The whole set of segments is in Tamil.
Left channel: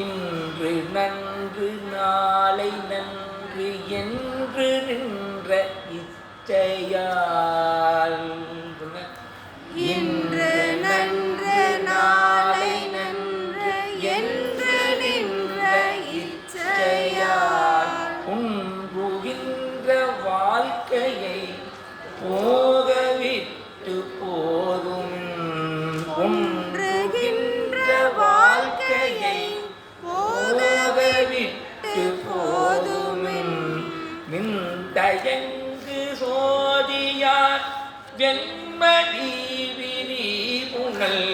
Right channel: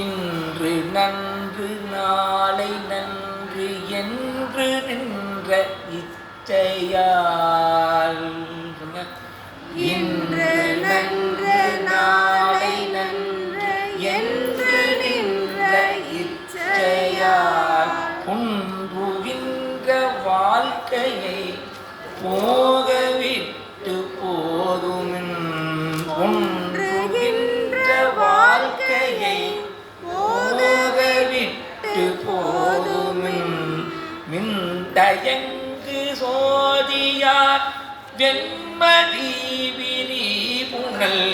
இன்று நன்று நாளை நன்று என்று நின்ற இச்சையால் இன்று நன்று நாளை நன்று என்று நின்ற இச்சையால் புன்றுகின்ற வாழ்க்கையை போகவிட்டு போதுமின் ஒன்றுகின்ற வாழ்க்கையை போகவிட்டு போதுமின் மின் தயங்கு சோதியார் வெண்மதி விரி புனல்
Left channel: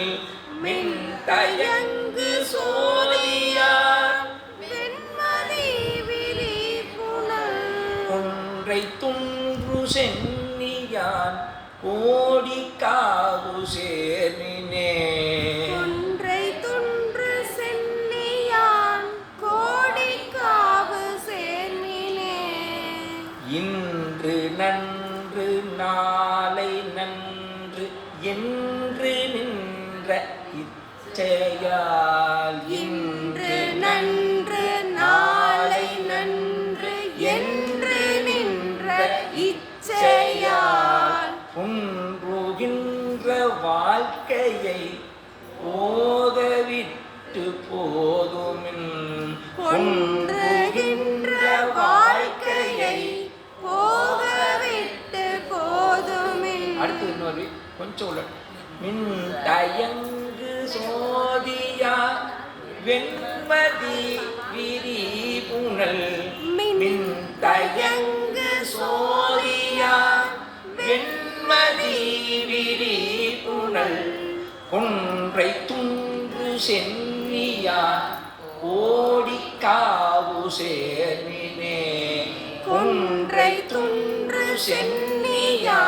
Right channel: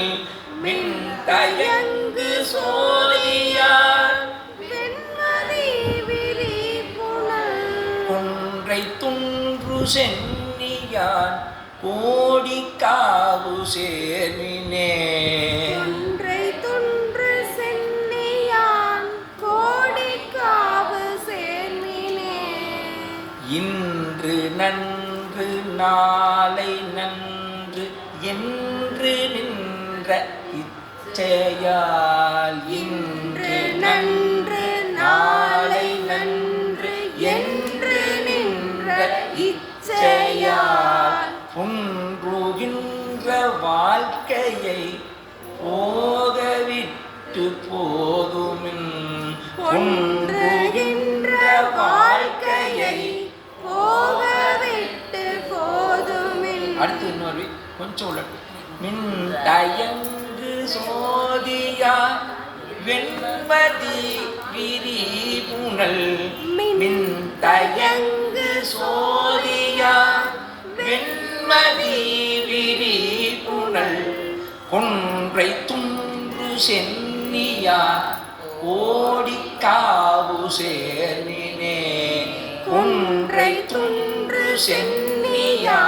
மின் தயங்கு சோதியார் வெண்மதி விரி புனல் ஒன்றை துன்று சென்னியான் கோடி காவு சேர்மினே ஒன்றை துன்று சென்னியான் கோடி காவு சேர்மினே இன்று நன்று நாளை நன்று என்று நின்ற இச்சையால் இன்று நன்று நாளை நன்று என்று நின்ற இச்சையால் புன்றுகின்ற வாழ்க்கையை போகவிட்டு போதுமின் ஒன்றுகின்ற வாழ்க்கையை போகவிட்டு போதுமின் அடுத்து இன்னொரு கொஞ்சம் உள்ள மின் தயங்கு சோதியா வெண்மதி விரி புனல் மின் தயங்கு சோதியா வெண்மதி விரி புனல் கொன்றை துன்று சென்னியா ஓடி காவு சேர்மினே கொன்றை துன்று சென்னியா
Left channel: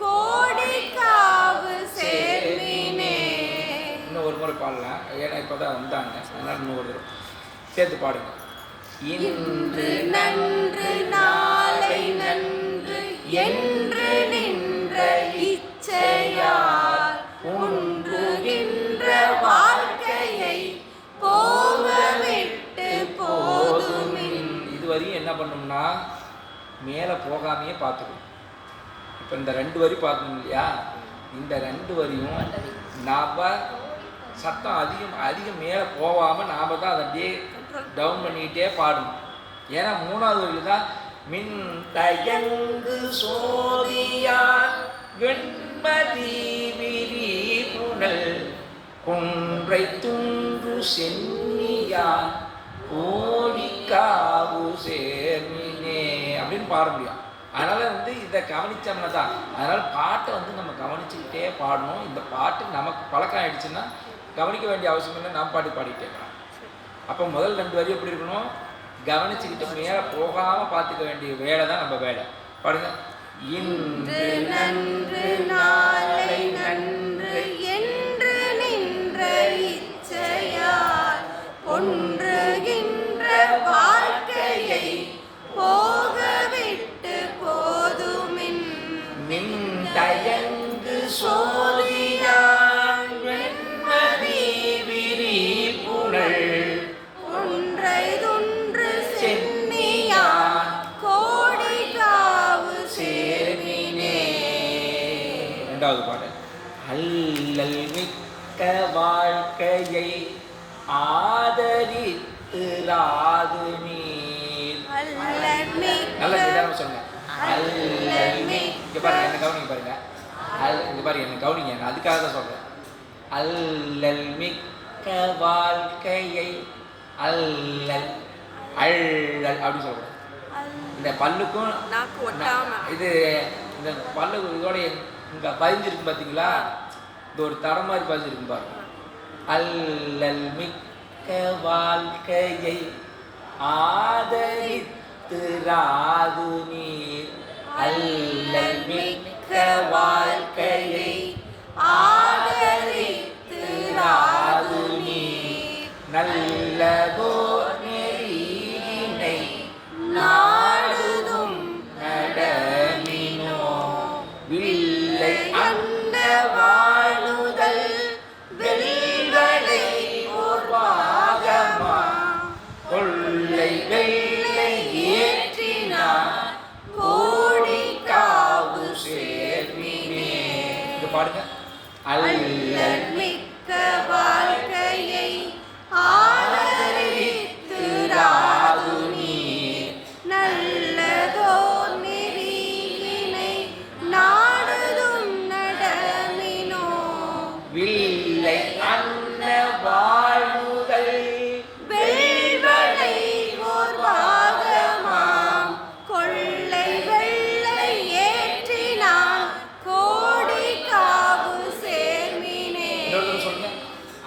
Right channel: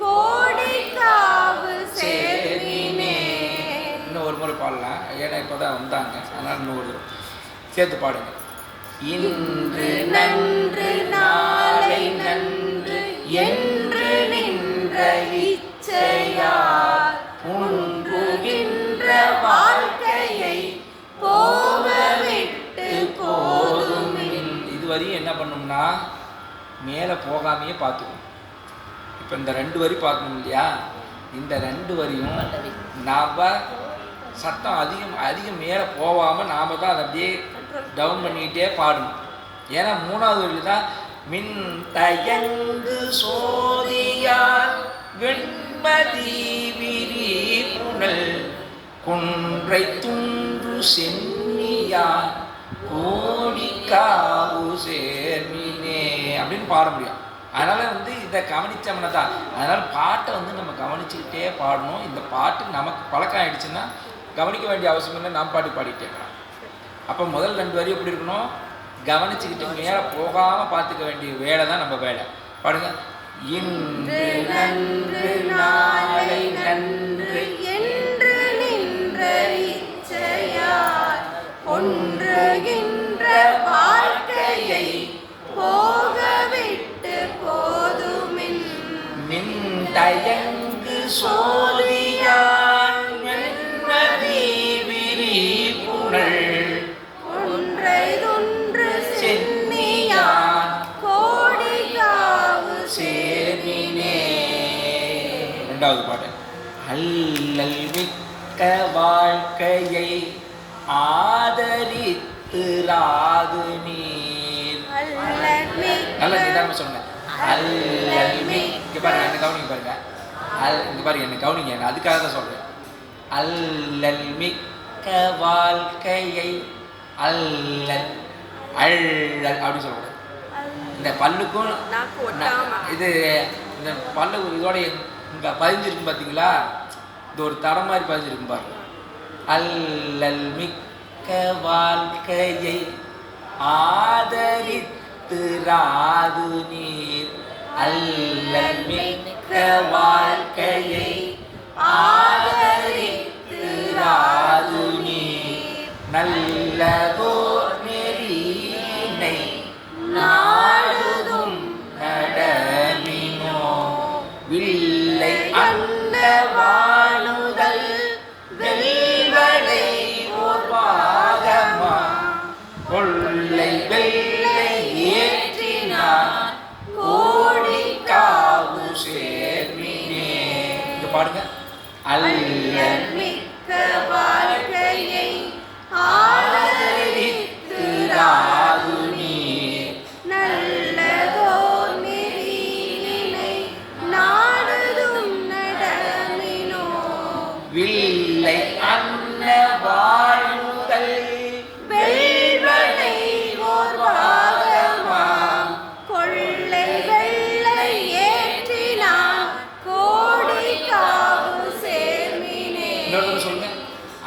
கோடி காவு சேர்மினே. இன்னும் ஒரு முறை பாடலாம், ஏன்னா இப்போ தான் வந்தாங்க, அதனால் இன்னும் ஒரு தடவை சேர்த்து பாடுங்க. இன்று நன்று நாளை நன்று என்று நின்ற இச்சையால் புன்றுகின்ற வாழ்க்கையை போகவிட்டு போதுமின் இதுவரையும் என்ன பண்ணோம்னா மேலே போகாமையே பார்த்துக்கணும். இப்போ இந்த 2 வரி பார்க்கணும் இல்லையா, இந்த 2 வரியும் நாம் சத்தம் அதிகம் மேலே போகாமல் நாம் தான் அதை அப்படியே டவுன் பண்ணிக்கிட்டே பாடணும். ஏன்னா 3வது வரியில் தான் மின் தயங்கு சோதியார் வெண்மதி விரி புனல் கொன்றை துன்று சென்னியார் கோடி காவு சேர்மினே அப்படின்னு பாட முடியும். அதனால் இதை கவனித்தோம்னா தான், அதனால் பாட்டை நம்ம கவனிச்சுக்கிட்டே பாடணும். இந்த பாட்டு நமக்கு பழக்கம் ஆகிடுச்சுன்னா கவனிக்க வேண்டிய அவசியம் இல்லை, நாம் பாட்டு பாடிக்கிட்டே இருக்கலாம். அப்போ முதல் 2 வரி எப்படி இருக்கணும், கவனிச்சுக்கிட்டு மேலே போகாமல் பார்த்துக்க வேண்டிய வேலை தான் நம்ம வேலை. பாடுங்க. இன்று நன்று நாளை நன்று என்று நின்ற இச்சையால் ஒன்றுகின்ற வாழ்க்கையை போகவிட்டு போதுமின் மின் தயங்கு சோதியார் வெண்மதி விரி புனல் ஒன்றை துன்று சென்னியான் கோடி காவு சேர்மினே. 2வது பாட்டு. அல்லல் மிக்க வாழ்க்கையை ஆதரித்து ராது நீர். நல்ல நிதானமாக சொல்லுங்க. அல்லல் மிக்க பாருங்க, என்ன கவனிங்க பாருங்க. இங்க பாருங்க, என்ன கவனிங்க, நான் அதுக்காக தான் சொல்றேன். அல்லல் மிக்க வாழ்க்கையை அல்லல் அள்ளல் அப்படி சொல்லக்கூடாது. இந்த பல்லுக்கும் இது இந்த பல்லு இதோட இங்கே பதிஞ்சிருக்கு பார்த்தீங்களா, இது ஒரு தடம் மாதிரி பதிஞ்சிருக்கு பாருங்க. அல்லல் மிக்க வாழ்க்கையை ஆதரித்து ராது நீர். அல்லல் மிக்க வாழ்க்கையை ஆதரித்து ராது நீர். நல்லதோர் நெறியினை நாடுதும் நடமினோ வில்லை பாடுங்க. அல்லல் மிக்க வாழ்க்கையை ஆதரித்து ராது நீர் நல்லதோர் நெறியினை நாடுதும் நடமினோ வில்லை அன்ன வாழ்வுதல் வெள்வளை ஓர் வாதமாம் கொள்ளை வெள்ளை ஏற்றினான் கோடி காவு சேர்மினே. இன்னொரு சொல்லுங்க.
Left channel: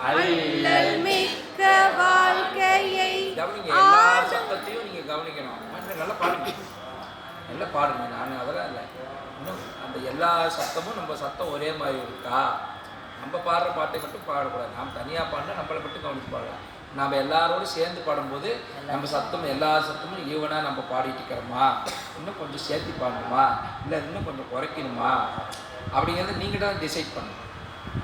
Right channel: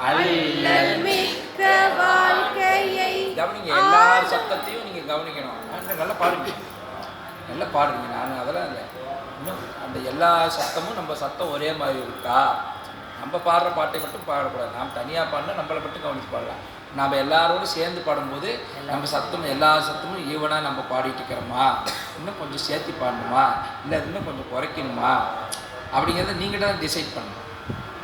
அல்லல் மிக்க வாழ்க்கையை கவனிங்க, எல்லா சத்தத்தையும் நீங்க கவனிக்கணும். நல்லா பாடுங்க, நல்லா பாடுங்க. நான் அதெல்லாம் இல்லை, இன்னும் அந்த எல்லா சத்தமும் நம்ம சத்தம் ஒரே மாதிரி இருக்கா? நம்ம பாடுற பாட்டை மட்டும் பாடக்கூடாது. நாம் தனியாக பாடினா நம்மளை மட்டும் கவனித்து பாடலாம். நாம் எல்லாரோடும் சேர்ந்து பாடும்போது நம்ம சத்தம் எல்லா சத்தமும் ஈவனாக நம்ம பாடிட்டு இருக்கிறோமா, இன்னும் கொஞ்சம் சேர்த்து பாடணுமா, இல்லை இன்னும் கொஞ்சம் குறைக்கணுமா அப்படிங்கிறத நீங்கள் தான் டிசைட் பண்ணணும்.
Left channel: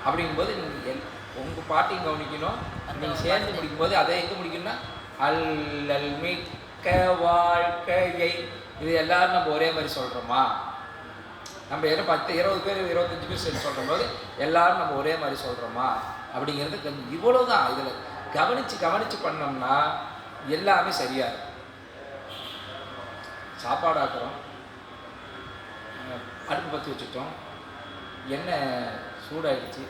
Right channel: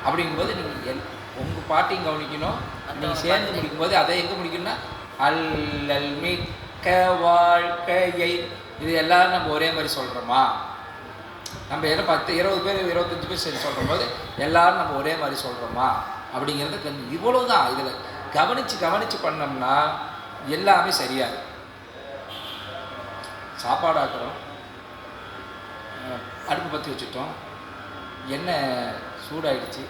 அப்படிங்கும்போது நீங்கள் உங்கள் பாட்டையும் கவனிக்கணும். நீங்கள் சேர்ந்து முடிக்கும்போது அதை எங்கே முடிக்கணும்னா அல்லல் மிக்க வாழ்க்கையை. இது எல்லோரும் நம்ம ஒரே மாதிரி சொல்கிறோமா? நம்ம எல்லாம் 10 20 பேர் 25 பேர் சேர்ந்து சொல்கிற போது எல்லோரும் நம்ம ஒரே மாதிரி சொல்கிறோமா அப்படிங்கிறது கொஞ்சம் இவ்வளவு தான். இதில் கவனித்து பண்ணோம்னா எல்லாமே சரியாக இருக்கும். சாப்பாடு ஆக்குறோம், அடுப்பு பற்றி வச்சுட்டோம், எண்ணெய் சூடாயிடுச்சு,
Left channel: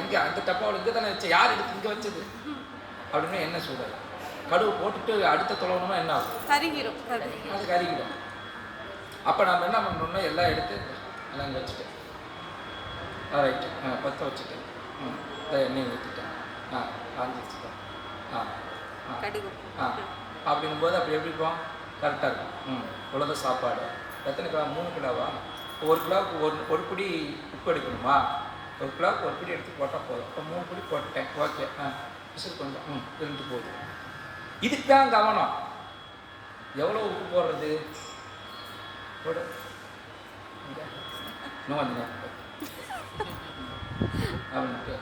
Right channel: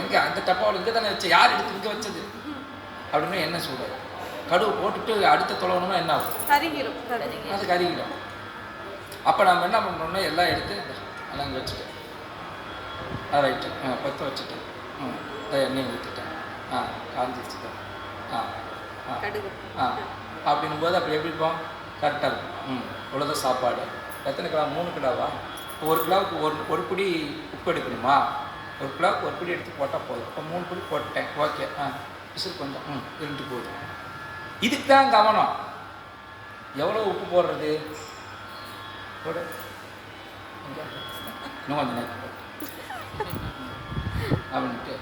எங்கே அந்த டப்பாவில் இங்கே தானே வச்சு, யார் எடுத்து இங்கே வச்சது அப்படின்னா எண்ணெய் சூடாயிடும். கடுகு போட்டுட்டு அடுத்த தொலைவணும்னா என்ன ஆகும்? கருகிடும். அது கருகிடும். அப்போ நம்ம என்ன பண்ணோம்னா எல்லாம் எடுத்து எல்லாம் இங்கே வச்சுட்டேன், ரைட்டு, பற்ற வச்சுட்டு எண்ணெய் ஊற்றிட்டேன், காஞ்சி வச்சுட்டேன், அப்படின்னும் போது அப்படி எப்படி இருக்கும்? கரெக்டாக இருக்கும். இவ்வளோதான் சாப்பாடு. எத்தனை கிலோ? 3 கிலோவா? 1 கிலோவுக்கு ஒரு பிடி உப்பு எடுக்கணுமா? 1 கிலோவுக்கு 1 பிடி எடுத்து போட்டால் போதும். இப்போ 3 பிடி போட்டேன், ஓகே. விசில் கொஞ்சம் இருந்து போகுது. இதுக்கு தான் கவனம். எவ்வளோ உப்பு போடுறது? போடு, இன்னும் கொஞ்சம் நேரம் அப்படின்ட்டு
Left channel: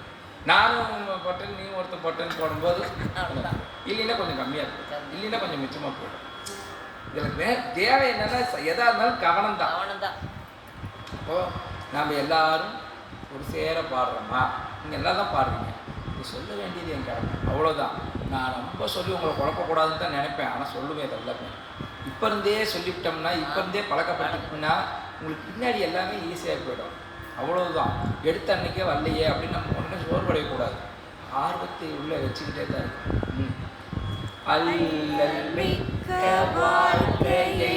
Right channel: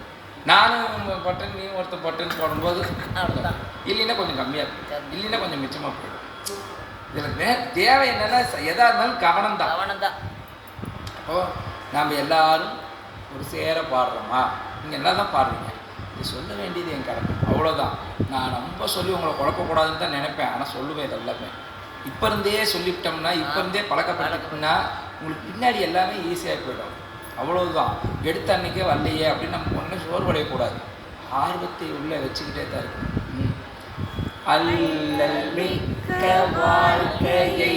நானும் பட்டன், நீ ஒருத்தர் பட்டன் போடும்போது இல்லைன்னா கொஞ்சம் கம்மியாக இருக்கும், இல்லைன்னா கொஞ்சம் மிச்சமாக போயிடும். இதில் தேவை என்னன்னா எதாக இருந்தாலும் கவனம் தான். அப்போது நாம் எல்லாரும் ஒரு சேர பாடுறோமா? நீங்கள் எல்லாம் தான் பாடுறீங்க. இது சொல்ல வேண்டியது என் கடமை, அவ்வளோதான். நான் ரொம்ப சொல்லி உங்களை குழப்பக்கூடாதுன்னு தான் நினைப்பேன், ஆனால் சொல்லுவேன். எல்லாமே இப்போ இருந்தே சொல்லிவிட்டோம்னா, இப்போ இருந்தே பழக்கப்பட்டுக்கிட்டோம்னா உங்களுக்கு பின்னாடி எல்லாமே ஈஸியாக போயிடும். அவ்வளவுதான். எடுத்த அன்னைக்கே வரலையே அப்படின்னு நம்ம ஒன்றும் சோர்வடையக்கூடாது. ஆர்வத்தை உள்ளே வச்சுக்கிட்டே தான் இருக்கும். அல்லல் மிக்க வாழ்க்கையை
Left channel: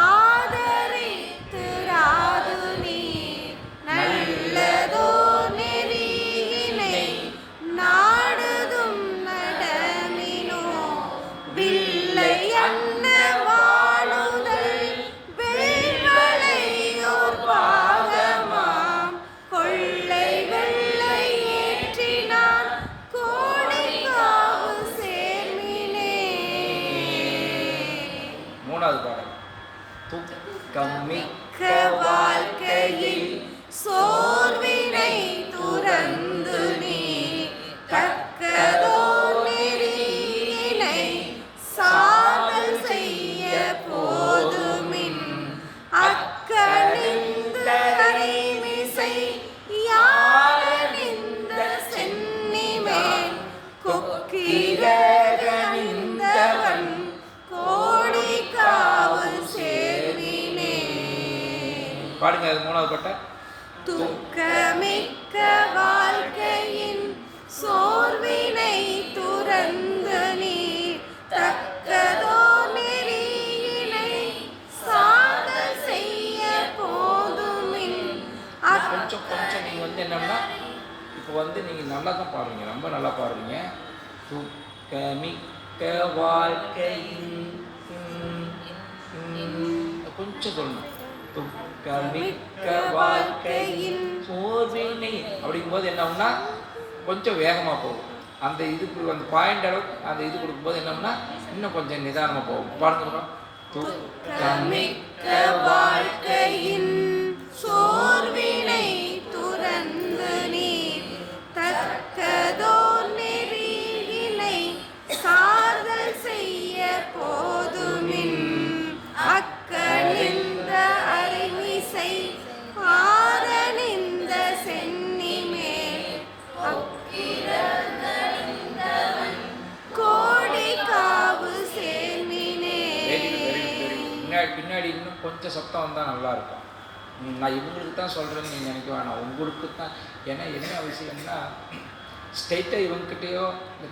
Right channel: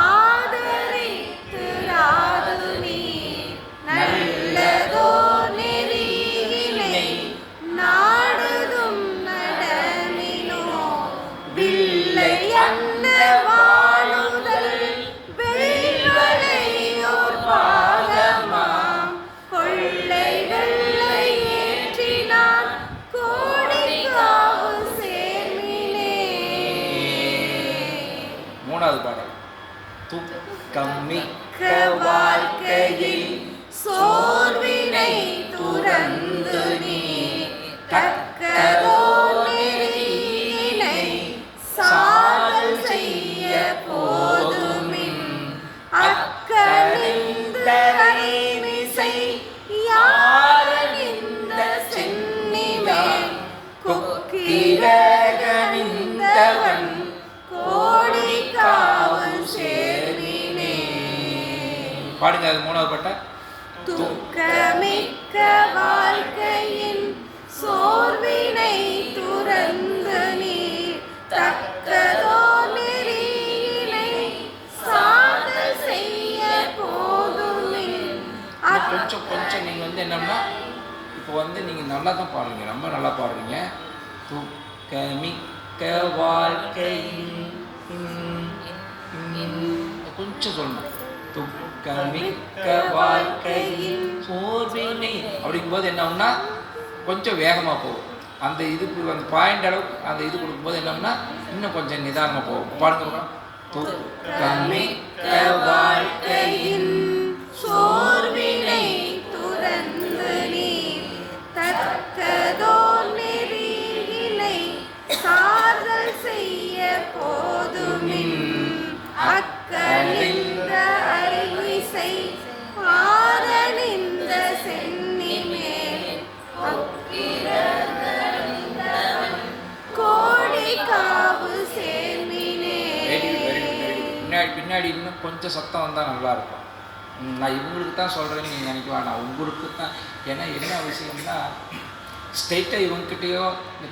ஆதரித்து ராது நீர் நல்லதோர் நெறியினை நாடுதும் நடமினோ வில்லை அன்ன வாழுதல் வெள்வளையோர் பாதமாம் கொள்ளை வெள்ளை ஏற்றினான் கோடி காவு சேர்மினே. 3வது பாடல். துக்கமிக்க வாழ்க்கையை சோர்வினை துறந்து நீ தக்கதோர் நெறியினை சாதல் செய்ய போதுமின் அக்கணிந்த கைமிசை யாரறிந்த சென்னிமேல் கொக்கிரகணிந்தவன் கோடி காவல் சேர்மினே. பாடுங்க, அது 3வது பாட்டை. துக்கமிக்க வாழ்க்கையின் சோர்வினை துறந்து நீர் தக்கதோ நெறியினை சாதல் செய்ய போதுமின் கொஞ்சம் நீங்கள் என்னன்னா இப்போ நீங்கள் நல்லா தான் பாடுறீங்க, ரொம்ப நல்லா பாடுறீங்க. துக்கமிக்க வாழ்க்கையின் கொஞ்சம் சொல்லணும். துக்கமிக்க வாழ்க்கையின் சோர்வினை அப்படிங்கும்போது என்ன ஆகும்னா கொஞ்சம் வேகமாக போகும். அந்த இதுக்கு அந்த பாயிண்ட் அளவுக்கு அந்த இது கொடுக்கும்போது என்னன்னா இன்னும் கொஞ்சம் நிதானமாக போகும். பாருங்க. துக்கமிக்க வாழ்க்கையின் சோர்வினை துறந்து நீ தக்கதோ நெறியினை சாதல் செய்ய போதுமின் அக்கணிந்த ஐமிசை பின்னாடி பின்னாடி இன்னும் கொஞ்சம் சத்தம் வந்தால் நல்லாயிருக்கும். நான் இவங்களுக்கு தான் சொல்கிறேன்னு நீங்கள் நினைக்க வேணாம், உங்களுக்கு தான். ஏன்னா என்ன விஷயம்னா ஸ்ட்ரெயிட்டாக இவங்ககிட்டயோ இந்த